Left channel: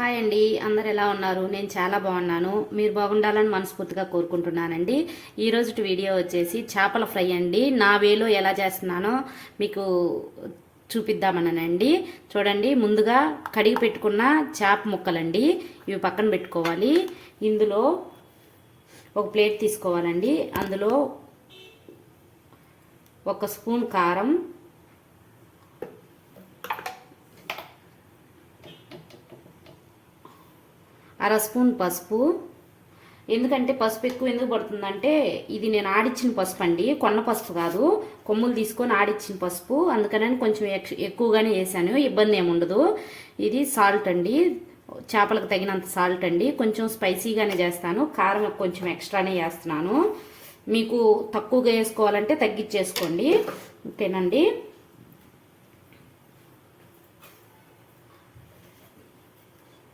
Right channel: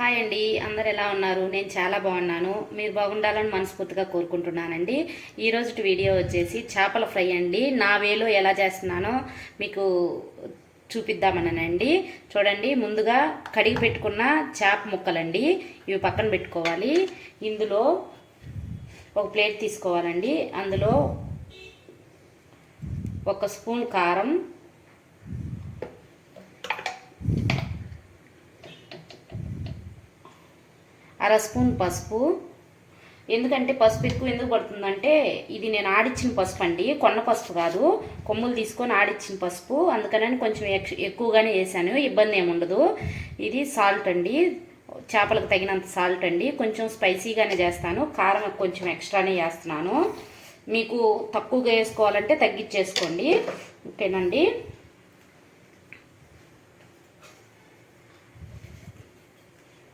Hi అండి అందరు ఎలా ఉన్నారు? నేను చాలా బాగున్నాను. మీరు బాగుండాలని మనస్ఫూర్తిగా కోరుకుంటున్నానండి. ఈరోజు వీడియో వచ్చేసి చేపల ఫ్రై అండి. నా వేలో ఎలా చేస్తున్నానో మీకు చూపిద్దామనండి. చూడండి ముందుగా కడిగి పెట్టుకున్న చేప ముక్కలండి. ఇవి పక్కన పెట్టుకోవాలి. ఇందులో ఒక ప్లేట్ తీసుకోవాలండి. అందులో ఒక స్పూన్ కారం అర స్పూన్ పసుపు. ఎందుకంటే పసుపు ఎక్కువ ఎందుకు పడుతుందంటే ఇది నేను ఆడిచ్చిన పసుపు అండి. కొన్న పసుపు కాదు. కొమ్ములు తీసుకొని ఆడిచ్చిన పసుపు. అందుకని కొంచెం ఎక్కువగానే వేసాను. ఇబ్బంది ఏమి ఉండదు. ఇది సాల్ట్ అండి. చేపలకు తగినంత సాల్ట్ అండి. కొంచెం స్పైసీగానే చేస్తాను. కారం కొంచెం ఎక్స్ట్రానే చేస్తున్నాను మీకు తక్కువగా వేసుకోవాలంటే తగ్గించేసుకోండి. ఓకేనండి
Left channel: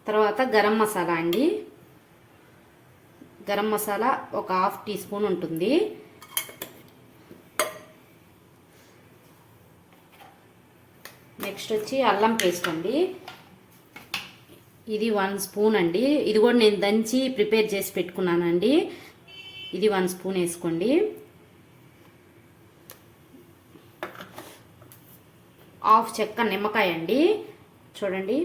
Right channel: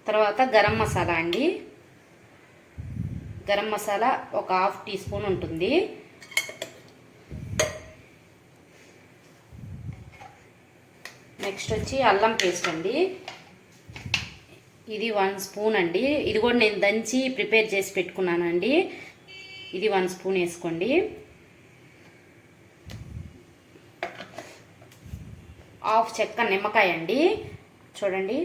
తర్వాత గరం మసాలా అండి. గరం మసాలా ఒక హాఫ్ టీ స్పూన్ ఉంటుంది. నెక్స్ట్ వచ్చి అల్లం పేస్ట్ అండి. ఇది వన్ స్పూన్ అండి. ఇది కూడా నేను దంచి ప్రిపేర్ చేసి పెట్టుకున్నానండి. ఇది వన్ స్పూన్ వేసుకోండి. హాఫ్ చెక్క నిమ్మకాయ అండి. చూడండి.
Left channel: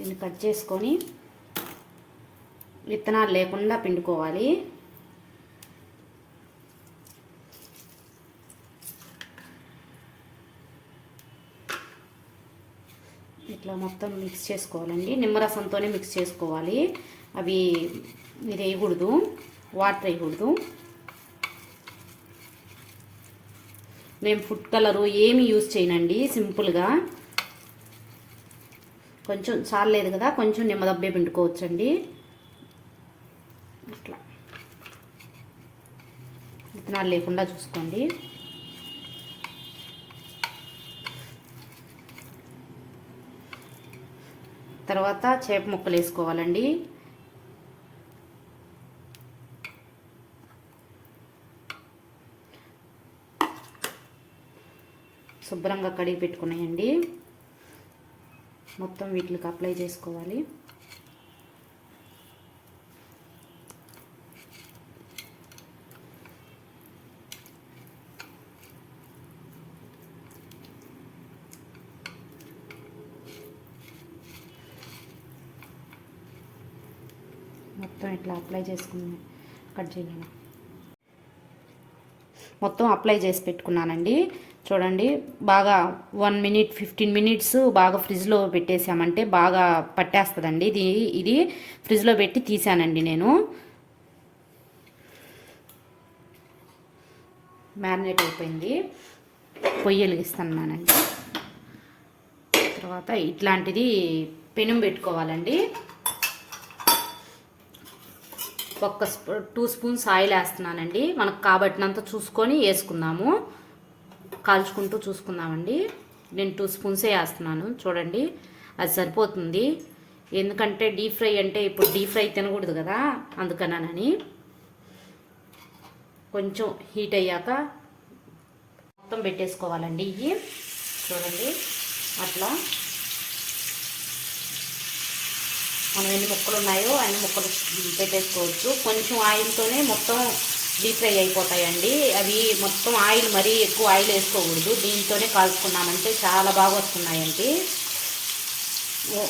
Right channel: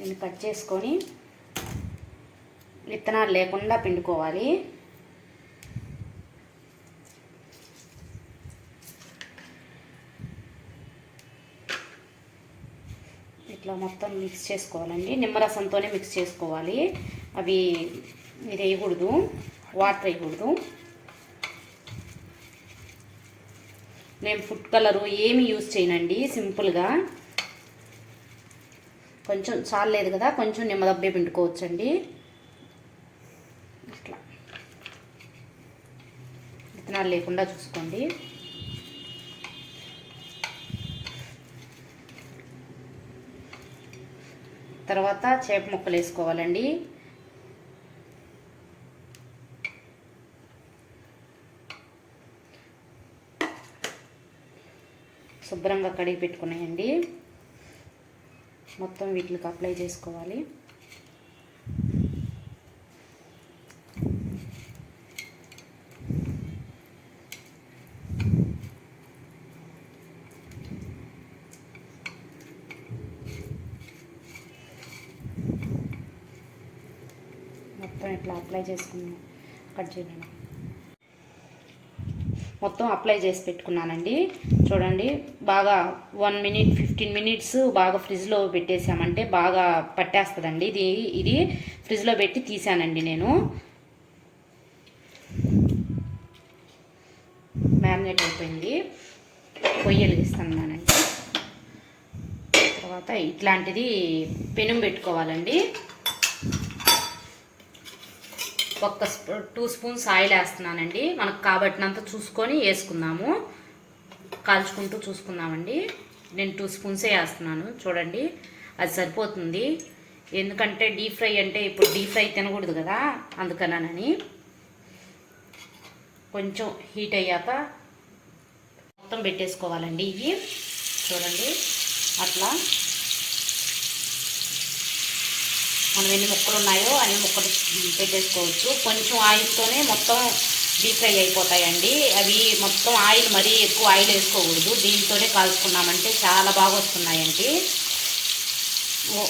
దీన్ని కట్ చేసుకొని విత్తనాలు లేకుండా పిండుకోవాలి. ఇట్లా మొత్తం మిక్స్ చేసుకోవాలండి. నిమ్మరసంతోనే మిక్స్ చేసుకోవాలి. అవి మీరు వేయకూడదు. వాటర్ వేయకూడదు. మేము ఫుడ్ కలరు ఏమి యూజ్ చేయనండి. సింపుల్గా కొంచెం చాలేదు కదా కొంచెం నిమ్మదబ్బే పిండుకోవచ్చండి. ఇట్లా. విత్తనాలు లేకుండా చూసుకోండి. తర్వాత చేప ముక్కలు వేసుకోవాలండి. శుభ్రంగా కడిగి పెట్టుకున్నాయండి. మొత్తం వీటికి అప్లై చేసుకోవాలి. మొత్తం ఇట్లా అప్లై చేసుకుని కట్ చేద్దాం. మొత్తం అప్లై చేసి పెట్టుకున్నానండి. చూడండి బాగా వన్ మినిట్ ఫిఫ్టీన్ మినిట్స్ బాగా ఫ్రిడ్జ్లో పెట్టేసామంటే బాగా పట్టేస్తుందండి. ఇది ఇది ఫ్రిడ్జ్లో పెట్టి తీసానండి నేను. మ్యారినేట్ అయిపోయింది. పొయ్యి వెలిగిస్తున్నానండి తర్వాత ఇట్లాంటిది పెనం పెట్టుకోవాలండి. ఒక్క స్పూ టూ స్పూన్స్ ఆయిల్ వేస్తున్నానండి. మనకు కాబట్టినంత చూసుకొని వేసుకుందాము. కాల్చుకుంటూ చూసుకుందామండి. నేను టూ స్పూన్సే వేస్తున్నాను. చూడండి అది సరిపోతుంది. ఎందుకంటే డీప్ ఫ్రై అంటే ఇప్పుడు డీప్ ఫ్రై తినకూడదు కదా అందుకనని కొంచెం హీట్ అయ్యాక మొత్తం పెట్టేసుకోవాలండి ఇవి. చూడండి అట్లా మనం ఎన్ని ముక్కలు ఉన్నాయో అన్ని ముక్కలు పెట్టేసుకోవచ్చు. కొంచెం ఆయిల్తోనే మొత్తం డీప్ ఫ్రై అయిపోతాయండి. అవి మొత్తం ఆయిల్ మరీ ఎక్కువ ఆయిల్ వేసుకోకూడదు. దీంతోనే కాల్చుకున్నామంటే చాలా బాగా వస్తున్నాయండి.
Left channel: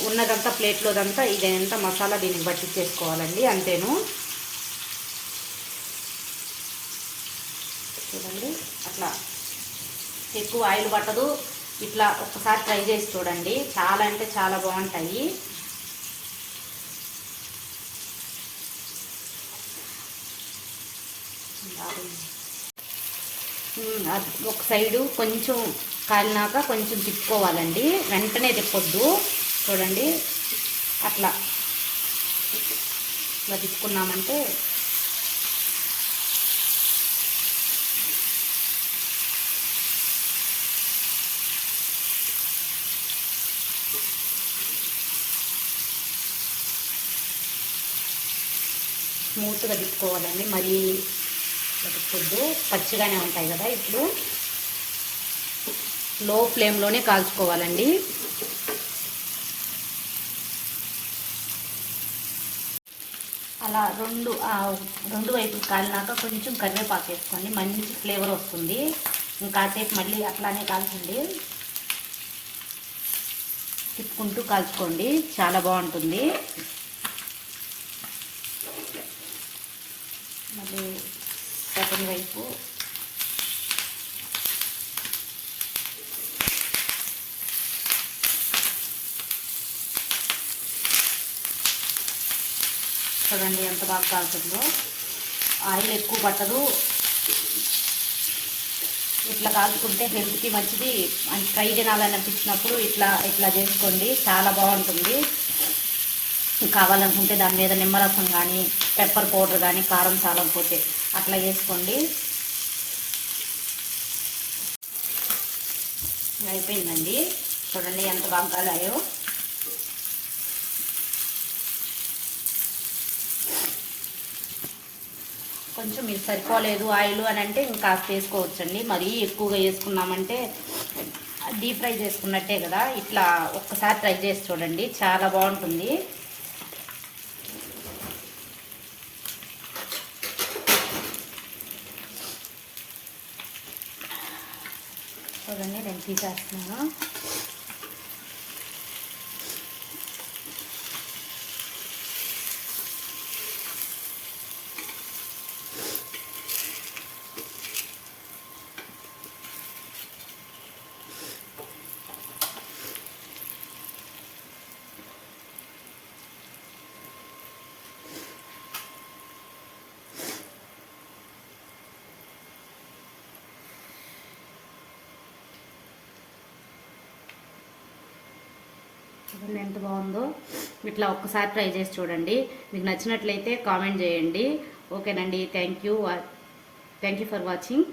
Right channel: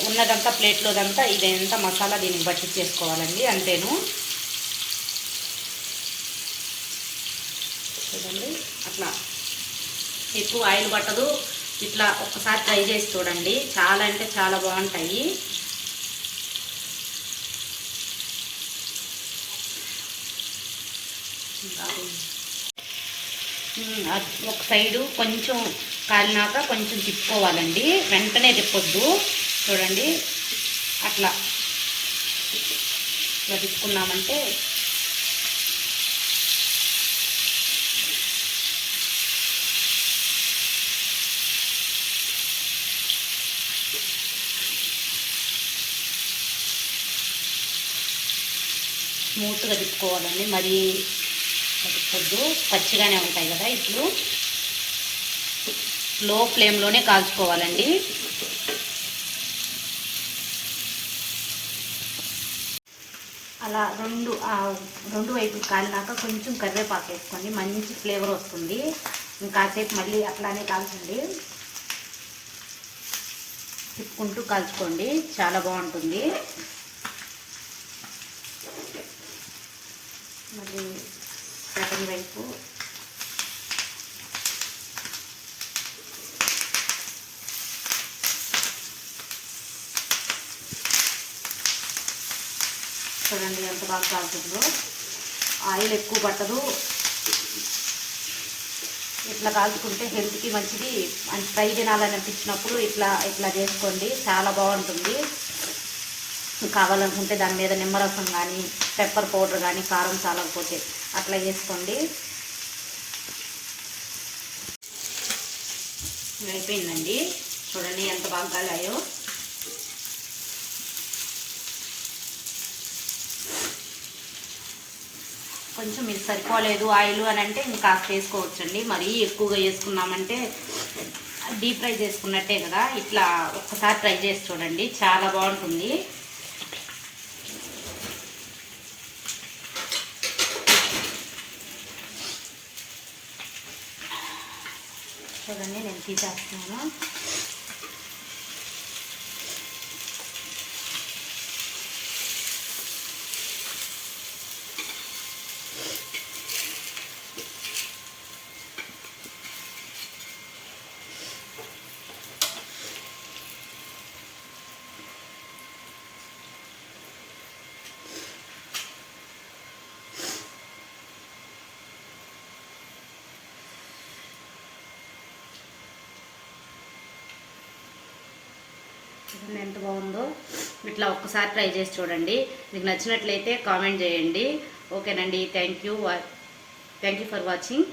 ఉన్నదంతా ప్లేట్లోదంతా ఇదంతా మసాలా దీనికి పట్టించేసుకోవాలండి అంతేను. చూడండి అట్లా ఎక్కువ ఆయిల్ పట్టదు. ఇట్లా ఒక్కసారి ట్రై చేసి చూడండి. చాలా అంటే చాలా బాగుంటాయి ఉమ్, అది ఒక సైడు కొంచెం కాలినాక కొంచెం తిప్పుకోవాలండి. వెంటనే తిప్పొద్దు. చూడండి. అట్లా. ఇలా తిప్పుకున్నామంటే స్మూత్గా తిప్పుకోవాలండి. మరి కొద్దు పచ్చిగానే ఉంటాయి కదా ఇట్లు లో ఫ్లేమ్లోనే కాల్చుకోవాలండి. అలా రెండు రెండు వైపు కాలినాక కొంచెం కరివేపాకు వేసుకోండి. మంచి ఫ్లేవర్ వస్తుంది. ఇంకాసేపు మళ్ళీ అట్లానే కాల్చండి. తిప్పుకుంటూ కాల్చుకోండి. చాలా బాగుంటుంది. మళ్ళీ సెకండ్ వైపు? చూడండి ఎంత బాగా కాలుతుందో. ఆయిల్ ఎక్కువ పట్టదు. ఇట్లా కాల్చుకుంటే హెల్త్కి మంచిది. ఫ్రై తినాలని అనిపించినప్పుడు ఇట్లా ఇట్లా చేసుకోండి. చాలా బాగుంటుంది. కావాలనుకుంటే దాని మీద నిమ్మరసం కానీ పెప్పర్ పౌడర్ కానీ కారం చాలకపోతే అట్లా చేసుకోండి. అయిపోయిందండి. చూడండి ఎంత బాగా కాలాయో కొంచెం ఇది సరిపోలేదు ఆయిల్ అని అంటే ఇంకా వేసుకోవచ్చండి. మరీ ఎక్కువగా వేసుకున్నామంటే డీప్ ఫ్రై చేసుకున్నట్టే కదా. ఇట్లా ఒక్కసారి ట్రై చేసి చూడండి. చాలా బాగుంటుంది. చూడండి నేను తీసేస్తున్నాను చూడండి ఎంత బాగుందో ఇట్లా ఒక్కసారి ట్రై చేసి చూడండి. మీకు నచ్చినట్లయితే కామెంట్ చేయండి. ఓకేనండి. Thank you thank you for watching.